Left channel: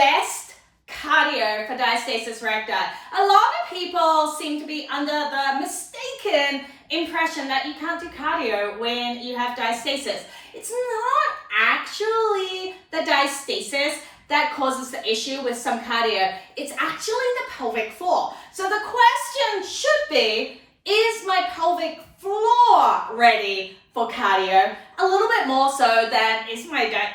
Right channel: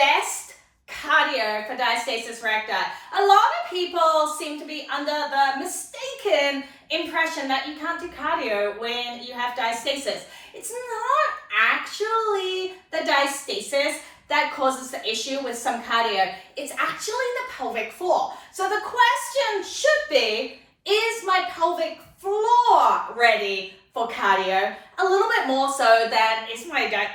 best cardio for diastasis recti. A lot of people seem to be under the mistaken impression that you can't do cardio when you have diastasis. It's not actually the diastasis that causes the issue with some cardio. It's actually the pelvic floor. So the question should be, is my pelvic floor ready for cardio? A little bit more so than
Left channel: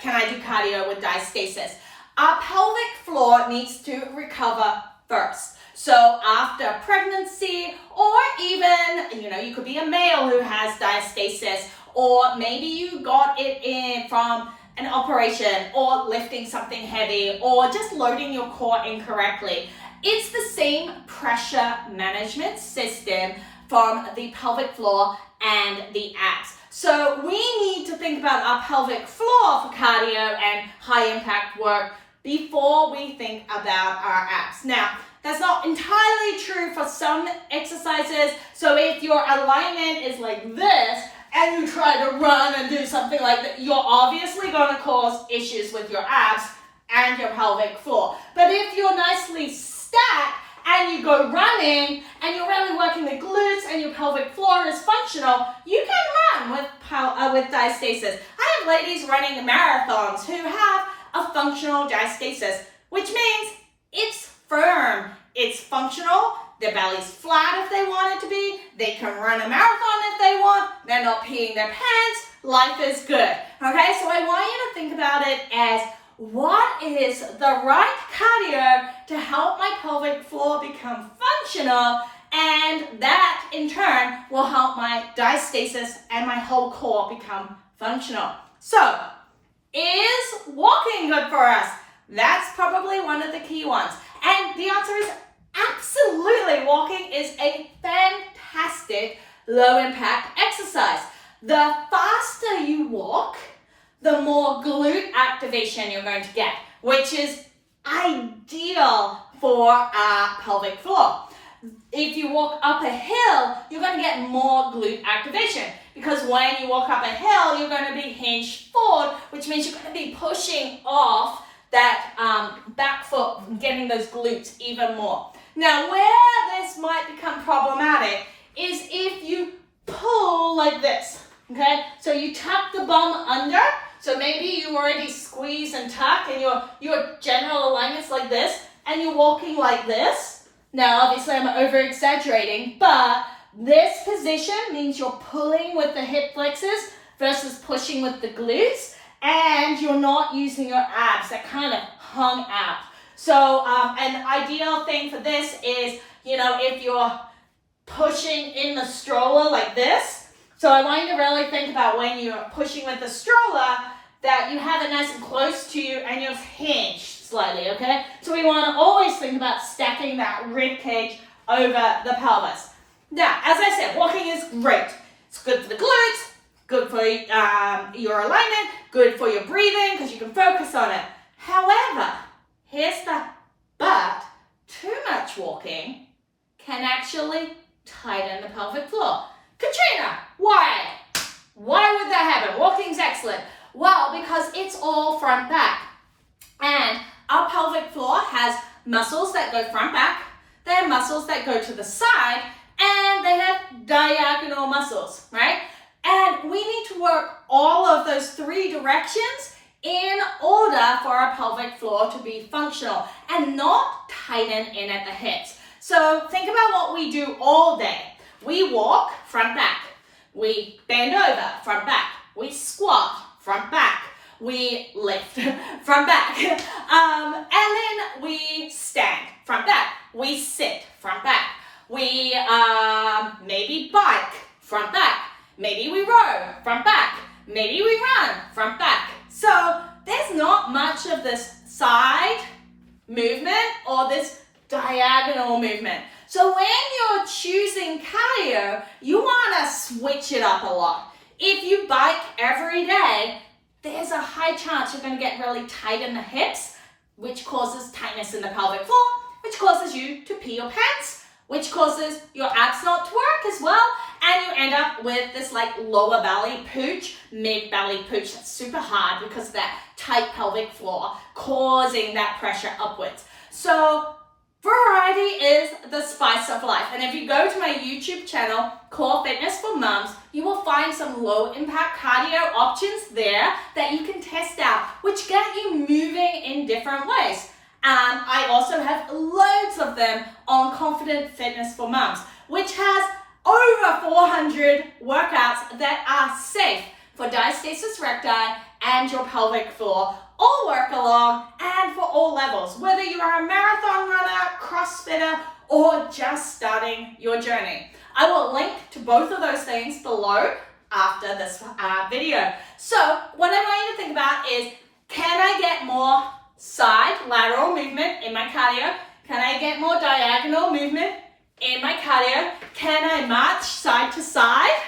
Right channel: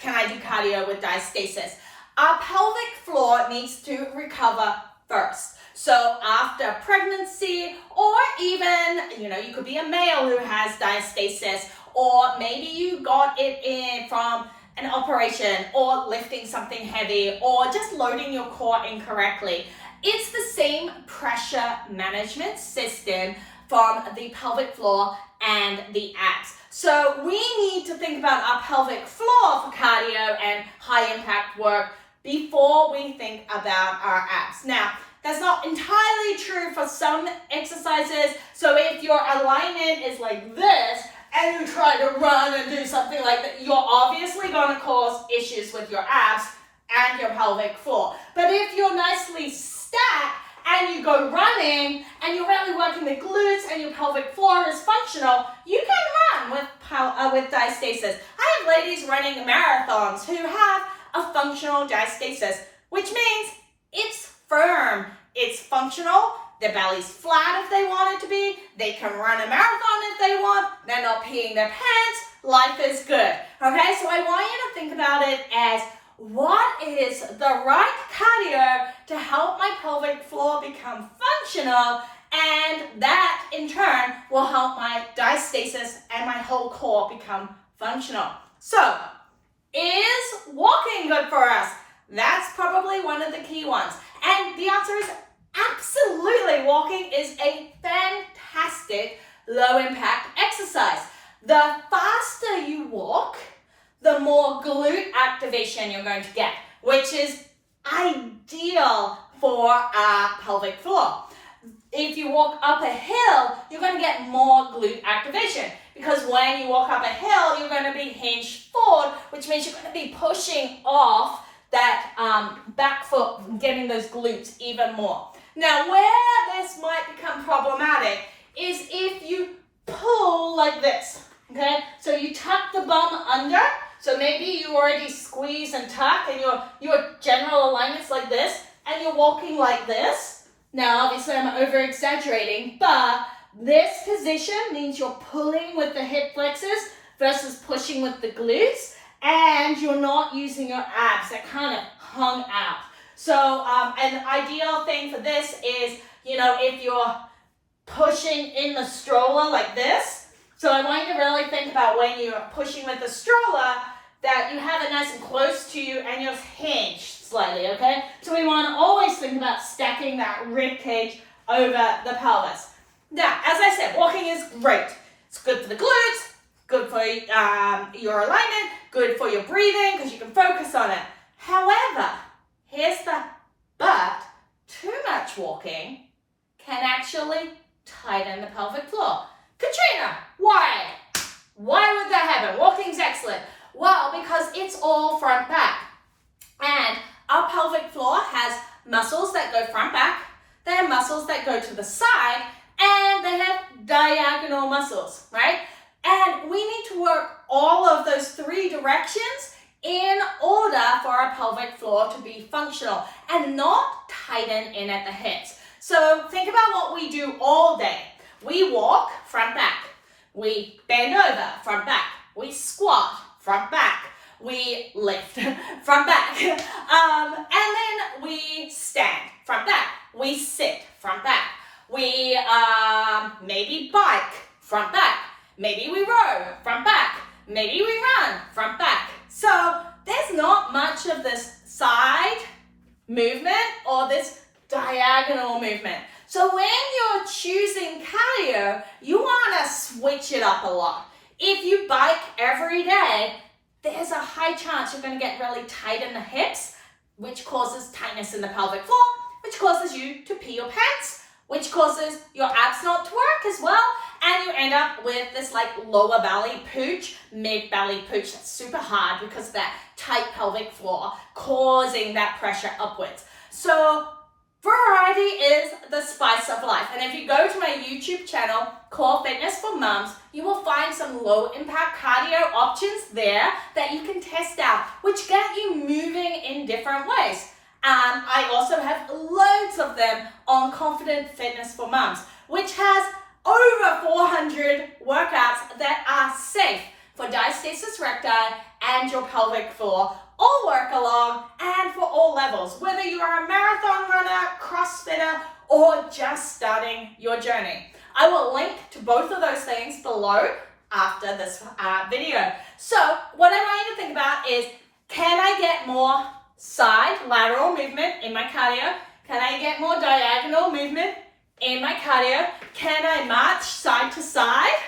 can I do cardio with diastasis? Our pelvic floor needs to recover first. So after pregnancy, or even, you could be a male who has diastasis, or maybe you got it in from an operation, or lifting something heavy, or just loading your core incorrectly. It's the same pressure management system from the pelvic floor and the abs. So we need to think about our pelvic floor for cardio and high impact work before we think about our abs. Now, that's not entirely true for some exercises. So if your alignment is like this, and you try to run and do something like that, you're obviously going to cause issues with your abs and your pelvic floor. But if you're nicely stacked and you go running and you're really working the glutes and your pelvic floor is functional, you can run with diastasis. I have ladies running marathons who have a functional diastasis, which means it's firm, it's functional. Their belly's flat if they want it to be. They can run a marathon if they want. They're not peeing their pants. Life is good. Okay, so I want you to think about it as, what is the right cardio to help my pelvic floor become functional, and that in turn will help my diastasis and my whole core become functional. So, is walking good for us? That's probably one of the key ones. And the answer is absolutely. Walking is a fantastic low impact exercise. The faster you walk, the more glute activation you're going to get, which is ideal for our pelvic floor. If you walk up a hill, you're going to get more glute activation, because when you walk up a hill, you're going to be hinged forward, which means you're going to be pushing off that back foot and getting those glutes even more. Now, where this might become problematic is if you pull like this, okay? So you tuck the bum under, so maybe you already squeeze and tuck, and your general alignment's like this, and you're walking like this. Now, obviously, I'm over-exaggerating, but this position means you're pulling with the hip flexors versus pushing with the glutes, and you're not using your abs that kind of hung out. So an ideal thing for this is, if you're pushing in the stroller like this. So I want you to really think about when you're pushing with the stroller that you have it nice and close to you and you're hinged slightly, okay? So we want to always think about stacking that rib cage over the pelvis. Now, as I said, walking is great. It's good for the glutes, good for your alignment, good for your breathing because you can focus on it. However, here's the but, too much walking can actually tighten the pelvic floor. Katrina, why? Why would that happen? Walking's excellent. Well, because it's all front back. And our pelvic floor has muscles that go front back, they have muscles that go to the side, and they have diagonal muscles, right? And we need to work all of those three directions in order for our pelvic floor to be functional and not tighten in at the hips. So think about what we do all day. We walk front back, we bend over front back, we squat front back, we lift front back, and then we stand front back, we sit front back, we maybe bike front back, maybe we row front back, maybe we run front back. So there's not much of this side movement or this diagonal movement. So when you're choosing cardio, you want to switch it up a lot. If you bike every day, there's a high chance you're going to get really tight in the hips, which causes tightness in the pelvic floor, which causes you to pee your pants, which causes your abs not to work as well, and you end up with this like lower belly pooch, mid belly pooch that's super hard because of that tight pelvic floor causing that pressure upwards. So variety is the spice of life. And if you go to my YouTube channel, Core Fitness for Mums, you will find some low impact cardio options there that you can test out, which get you moving in different ways. I also have loads of them on Confident Fitness for Mums, which has over 400 workouts that are safe for diastasis recti and your pelvic floor. All work along and for all levels, whether you are a marathon runner, CrossFitter, or just starting your journey. I will link to both of those things below after this video. So what I want you to think about is, can I get more side lateral movement in my cardio? Can I get more diagonal movement in my cardio? Can I march side to side?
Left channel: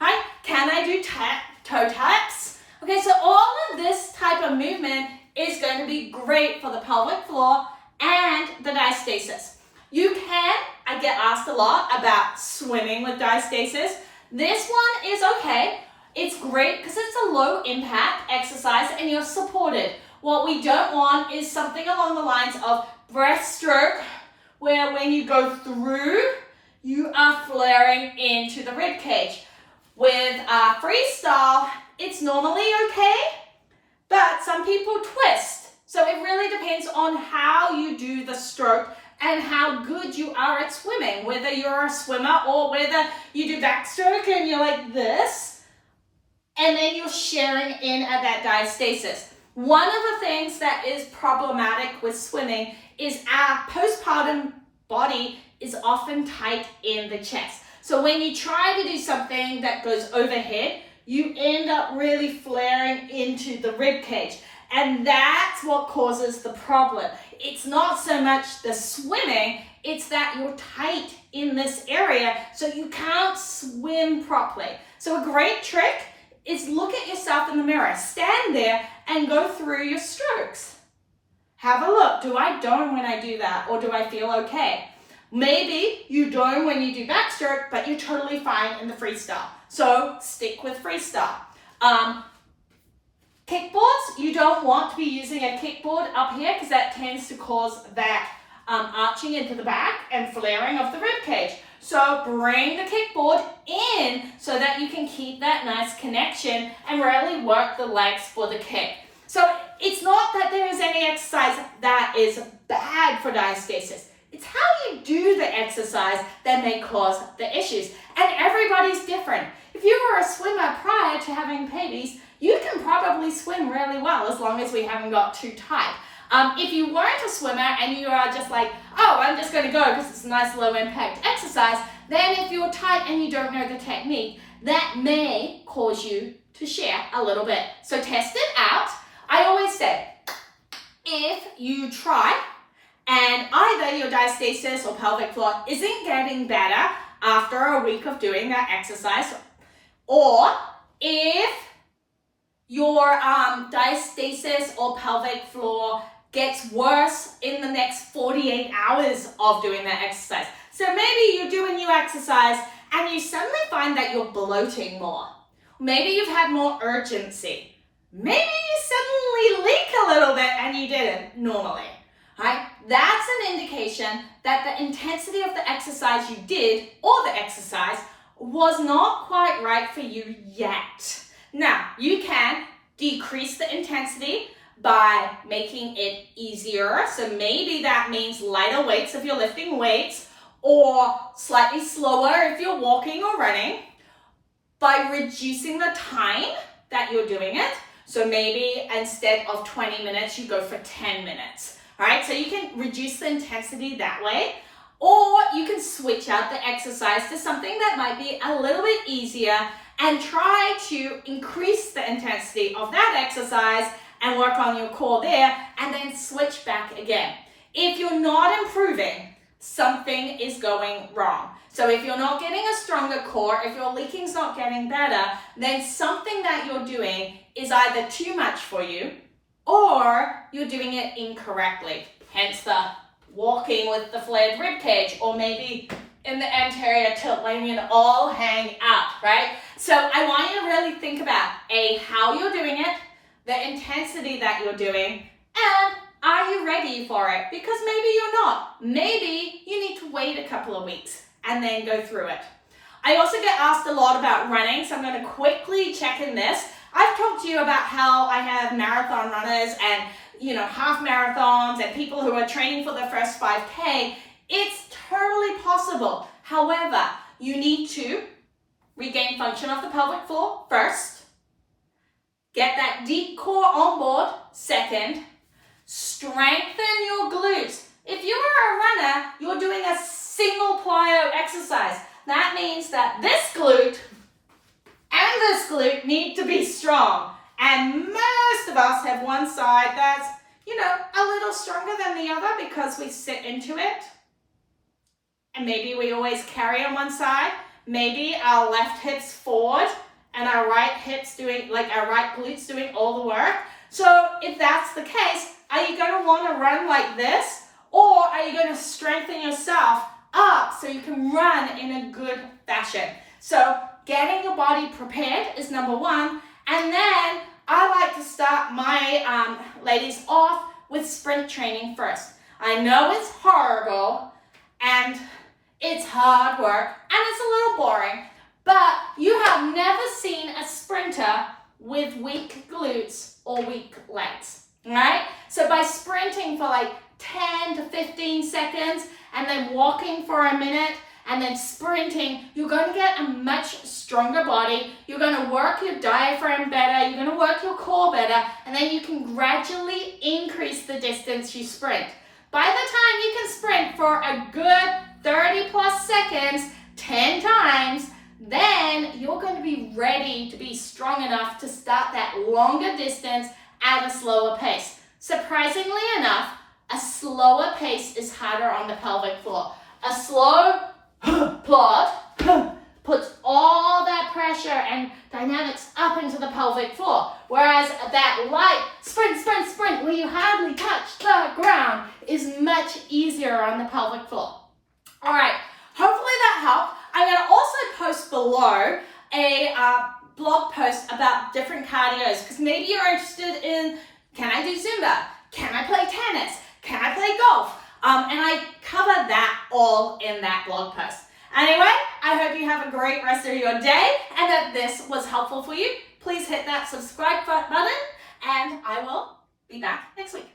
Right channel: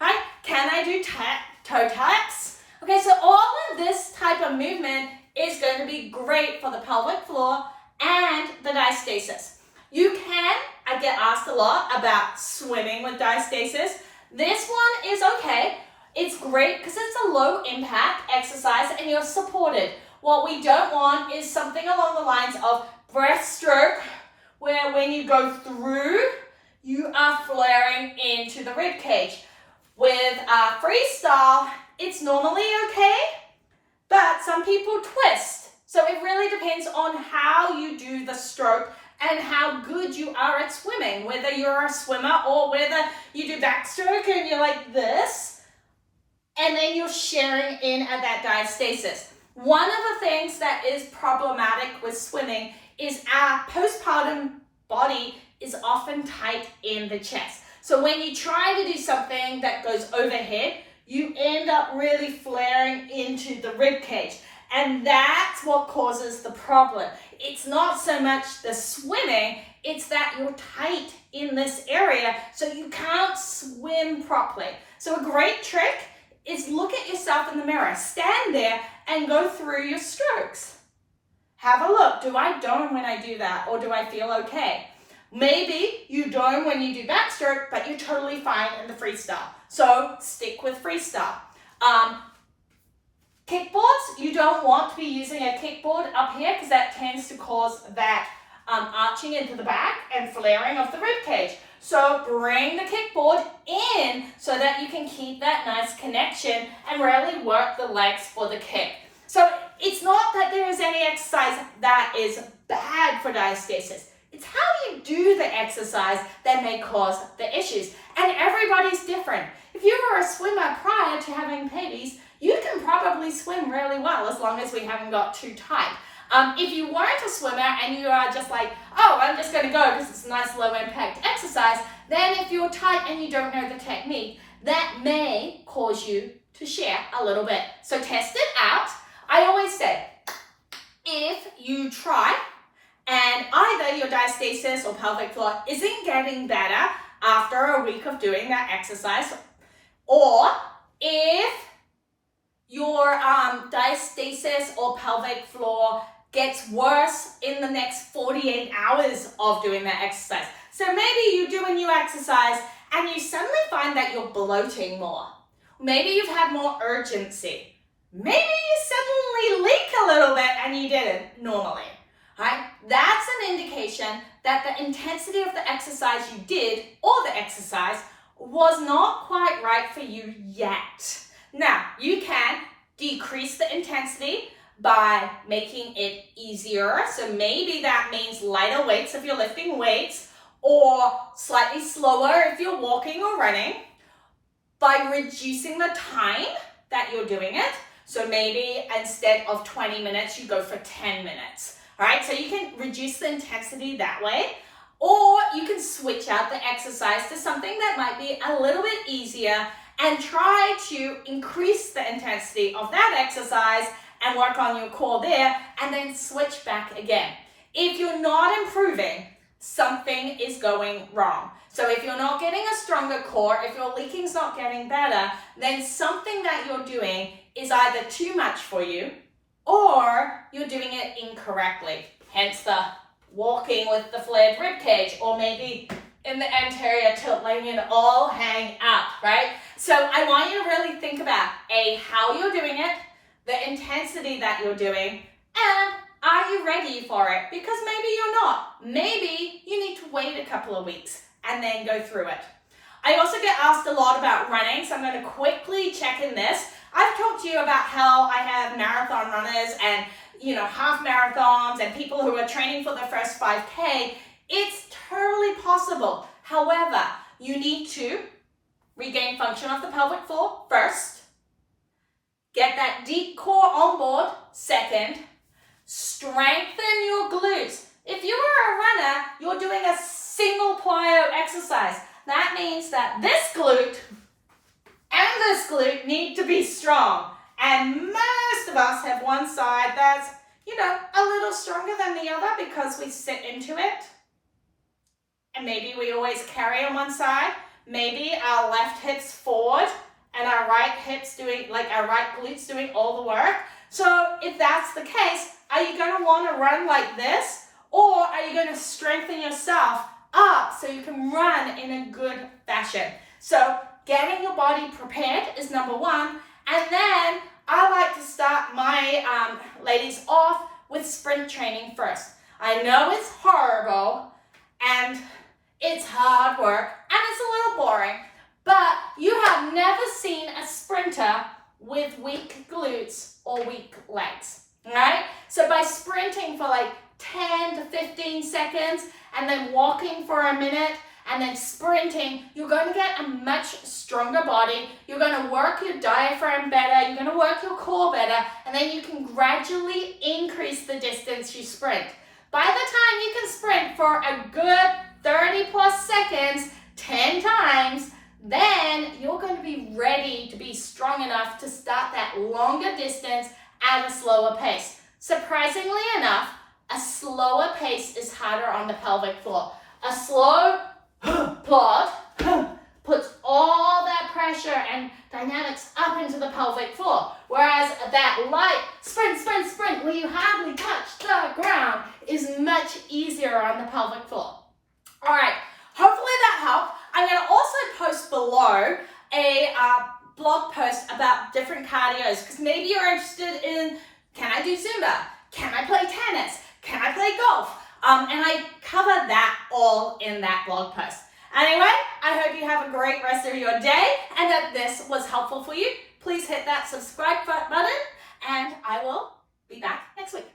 Right? Can I do toe taps? Okay, so all of this type of movement is going to be great for the pelvic floor and the diastasis. You can, I get asked a lot about swimming with diastasis. This one is okay. It's great because it's a low impact exercise and you're supported. What we don't want is something along the lines of breaststroke, where when you go through, you are flaring into the rib cage. With freestyle, it's normally okay, but some people twist. So it really depends on how you do the stroke and how good you are at swimming, whether you're a swimmer or whether you do backstroke and you're like this, and then you're sharing in at that diastasis. One of the things that is problematic with swimming is our postpartum body is often tight in the chest. So when you try to do something that goes overhead, you end up really flaring into the rib cage. And that's what causes the problem. It's not so much the swimming, it's that you're tight in this area, so you can't swim properly. So a great trick is look at yourself in the mirror. Stand there and go through your strokes. Have a look. Do I dome when I do that, or do I feel okay? Maybe you dome when you do backstroke, but you're totally fine in the freestyle. So stick with freestyle. Kickboards, you don't want to be using a kickboard up here because that tends to cause that arching into the back and flaring of the rib cage. So bring the kickboard in so that you can keep that nice connection and really work the legs for the kick. So it's not that there is any exercise that is bad for diastasis. It's how you do the exercise that may cause the issues. And everybody's different. If you were a swimmer prior to having babies, you can probably swim really well as long as we haven't got too tight. If you weren't a swimmer and you are just like, oh, I'm just going to go because it's a nice low impact exercise, then if you're tight and you don't know the technique, that may cause you to share a little bit. So test it out. I always say, if you try and either your diastasis or pelvic floor isn't getting better after a week of doing that exercise, or if your diastasis or pelvic floor gets worse in the next 48 hours of doing that exercise. So maybe you do a new exercise and you suddenly find that you're bloating more. Maybe you've had more urgency. Maybe you suddenly leak a little bit and you didn't normally. Right? That's an indication that the intensity of the exercise you did or the exercise was not quite right for you yet. Now, you can decrease the intensity by making it easier. So maybe that means lighter weights if you're lifting weights, or slightly slower if you're walking or running, by reducing the time that you're doing it. So maybe instead of 20 minutes, you go for 10 minutes. All right, so you can reduce the intensity that way, or you can switch out the exercise to something that might be a little bit easier and try to increase the intensity of that exercise and work on your core there, and then switch back again. If you're not improving, something is going wrong. So if you're not getting a stronger core, if your leaking's not getting better, then something that you're doing is either too much for you or you're doing it incorrectly. Hence the walking with the flared rib cage, or maybe in the anterior tilt, letting it all hang out, right? So I want you to really think about how you're doing it, the intensity that you're doing, and are you ready for it? Because maybe you're not. Maybe you need to wait a couple of weeks and then go through it. I also get asked a lot about running, so I'm going to quickly check in this. I've talked to you about how I have marathon runners and, half marathons and people who are training for the first 5K. It's totally possible. However, you need to regain function of the pelvic floor first, get that deep core on board second, strengthen your glutes. If you are a runner, you're doing a single plyo exercise. That means that this glute and this glute need to be strong. And most of us have one side that's, a little stronger than the other because we sit into it. And maybe we always carry on one side. Maybe our left hip's forward and our right hip's doing, our right glute's doing all the work. So if that's the case, are you going to want to run like this? Or are you going to strengthen yourself up so you can run in a good fashion? So getting your body prepared is number one. And then I like to start my ladies off with sprint training first. I know it's horrible and it's hard work and it's a little boring, but you have never seen a sprinter with weak glutes or weak legs, right? So by sprinting for 10 to 15 seconds and then walking for a minute and then sprinting, you're going to get a much stronger body. You're going to work your diaphragm better. You're going to work your core better. And then you can gradually increase the distance you sprint. By the time you can sprint for a good 30 plus seconds, 10 times, then you're going to be ready to be strong enough to start that longer distance at a slower pace. Surprisingly enough, a slower pace is harder on the pelvic floor. A slow plod puts all that pressure and dynamics up into the pelvic floor, whereas that light sprint, where you hardly touch the ground, is much easier on the pelvic floor. All right, hopefully that helped. I'm going to also post below a blog post about different cardios, because maybe you're interested in, can I do Zumba? Can I play tennis? Can I play golf? And I cover that all in that blog post. Anyway, I hope you have a great rest of your day and that this was helpful for you. Please hit that subscribe button and I will be back next week.